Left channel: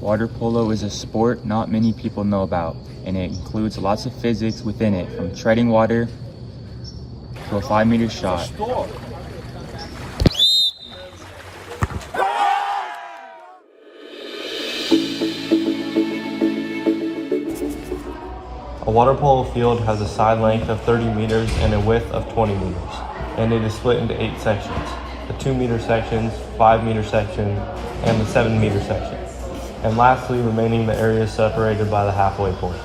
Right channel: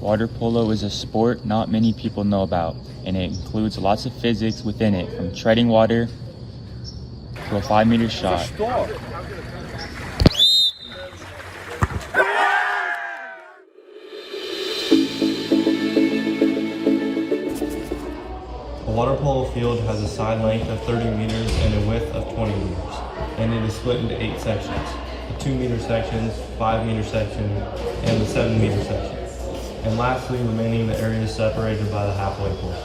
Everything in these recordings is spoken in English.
Water polo is a sport not many people know about, and it includes lots of physics within it, from treading water to a 5-meter shot. A water polo field has a side length of 30 meters and a width of 20 meters, and it is split into 8 sections: the 2-meter sections, 5-meter section, and the 7-meter section. And lastly, remaining the area separated by the halfway point.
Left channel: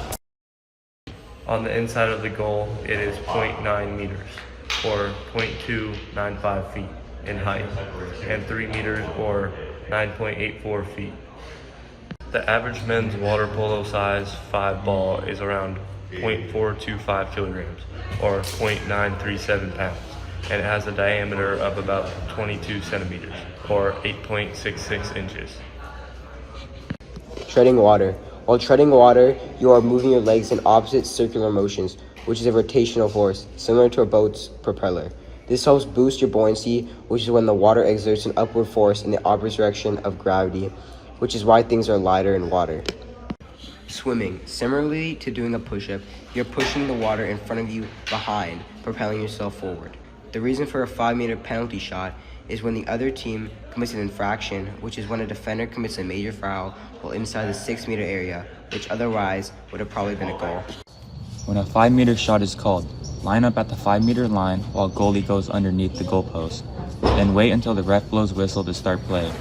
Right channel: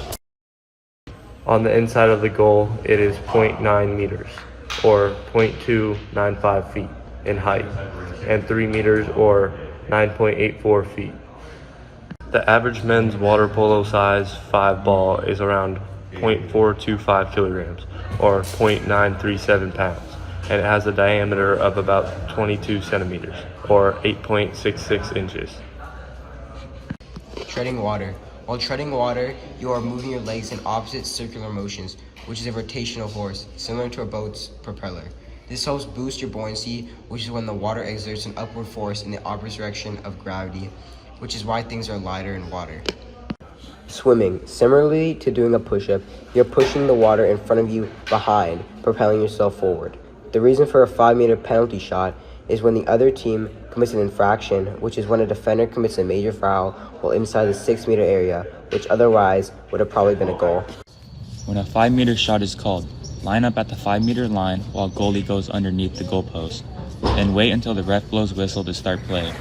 On the inside of the goal, it is 0.9 meters, or 0.295 feet in height, and 3 meters, or 9.84 feet. The average men's water polo size 5 ball is around 0.425 kilograms, or 0.937 pounds, and it has a diameter of about 22 centimeters, or 8.66 inches. Treading water. While treading water, you are moving your legs in opposite circular motions, which is a rotational force, similar to a boat's propeller. This helps boost your buoyancy, which is when the water exerts an upward force in the opposite direction of gravity, which is why things are lighter in water. Swimming. Similarly to doing a push-up, you're pushing the water in front of you behind, propelling yourself forward. The reason for a 5-meter penalty shot is when the other team commits an infraction, which is when a defender commits a major foul while inside the 6-meter area, which otherwise would have probably been a goal. When a 5-meter shot is called, line up at the 5-meter line while goalie goes underneath the goalpost. Then wait until the ref blows whistle to start play.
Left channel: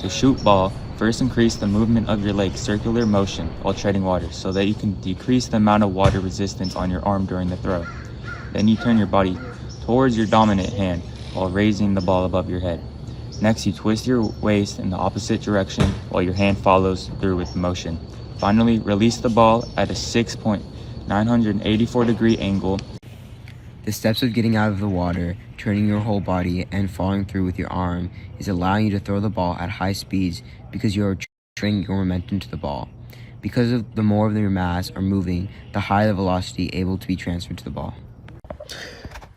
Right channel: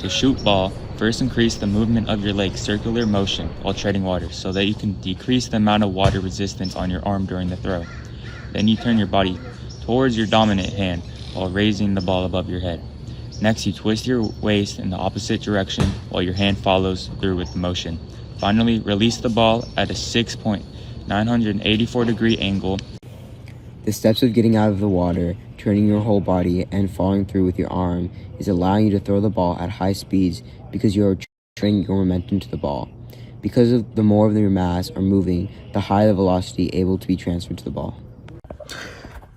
To shoot ball, first increase the movement of your leg circular motion while treading water so that you can decrease the amount of water resistance on your arm during the throw. Then you turn your body towards your dominant hand while raising the ball above your head. Next, you twist your waist in the opposite direction while your hand follows through with the motion. Finally, release the ball at a 6.984 degree angle. The steps of getting out of the water, turning your whole body, and following through with your arm is allowing you to throw the ball at high speeds because you are transferring your momentum to the ball. Because of the more of your mass are moving, the higher the velocity able to be transferred to the ball.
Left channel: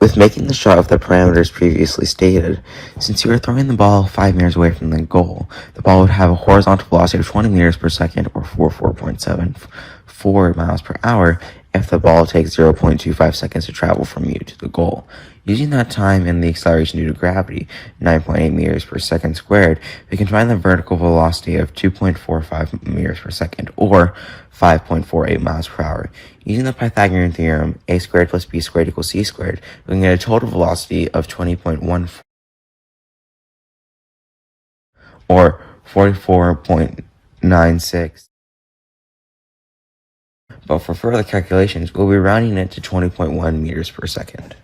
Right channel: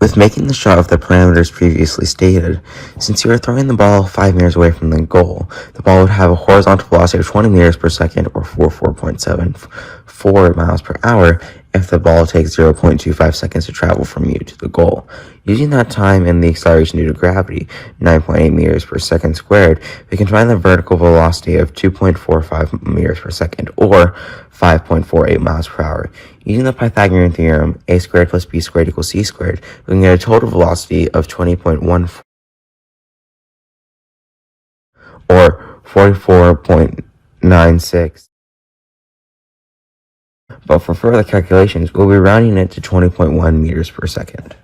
With making the shot of the parameters previously stated, since you are throwing the ball 5 meters away from the goal, the ball would have a horizontal velocity of 20 meters per second, or 44.74 miles per hour, if the ball takes 0.25 seconds to travel from you to the goal. Using that time and the acceleration due to gravity, 9.8 meters per second squared, we can find the vertical velocity of 2.45 meters per second, or 5.48 miles per hour. Using the Pythagorean theorem, a squared plus b squared equals c squared, we can get a total velocity of 20.14, or 44.96. But for further calculations, we'll be rounding it to 20.1 meters per second.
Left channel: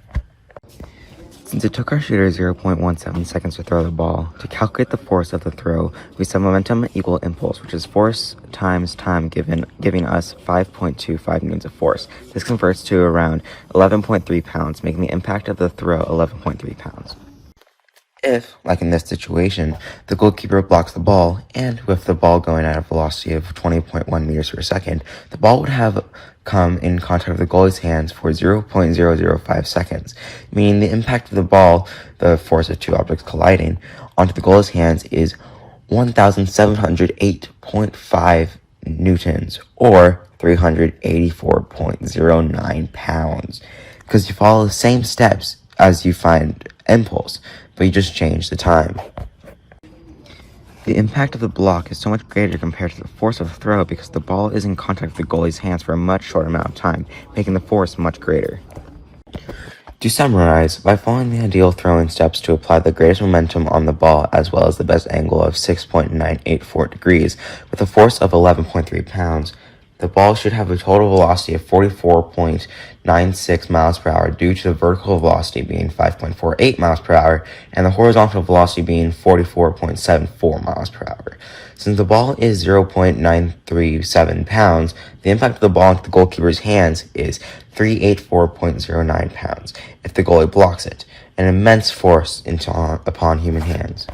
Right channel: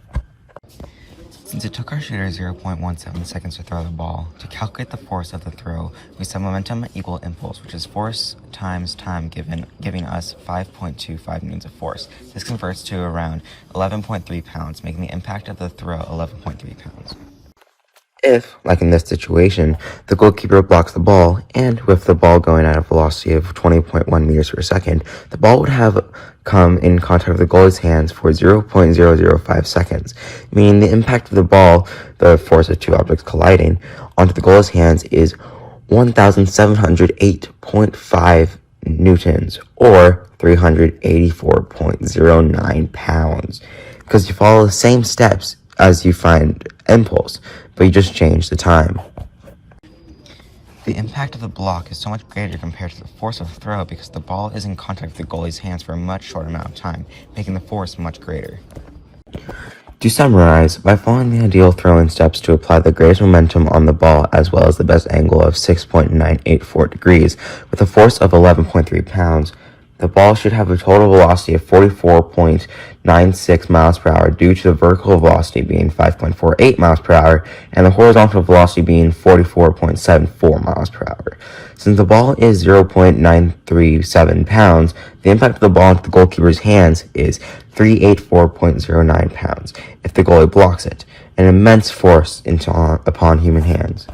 Since it took our shooter 0.17 seconds to throw the ball, to calculate the force of the throw, we set momentum equal impulse, which is force times time giving us 5.25 newtons of force. This converts to around 11.3 pounds, making the impact of the throw 11.3 pounds. If, like in this situation, the goalkeeper blocks the ball, and with the ball going at a velocity of 20.1 meters per second, the ball would have come in contact with the goalie's hands for 0.005 seconds, meaning the impact of the ball, the force of two objects colliding, onto the goalie's hands is 1,708.5 newtons, or 384.09 pounds, because you follow the same steps as you find impulse, but you just change the time. The impact of the block is so much greater compared to the force of the throw because the ball is in contact with the goalie's hands for a much shorter amount of time, making the force much greater. To summarize, by following the ideal throwing steps to apply the greatest momentum on the ball as well as the best angle of 6.984 degrees with a force of 11.3 pounds, the ball should have a total velocity of 44.96 miles per hour due to the vertical velocity being 5.48 miles per hour and the horizontal velocity being 44.74 miles per hour. Since the ball is 0.937 pounds, the impact of the ball into the goalkeeper's hands is 384.09 pounds if the goalie blocks it, an immense force upon human hands.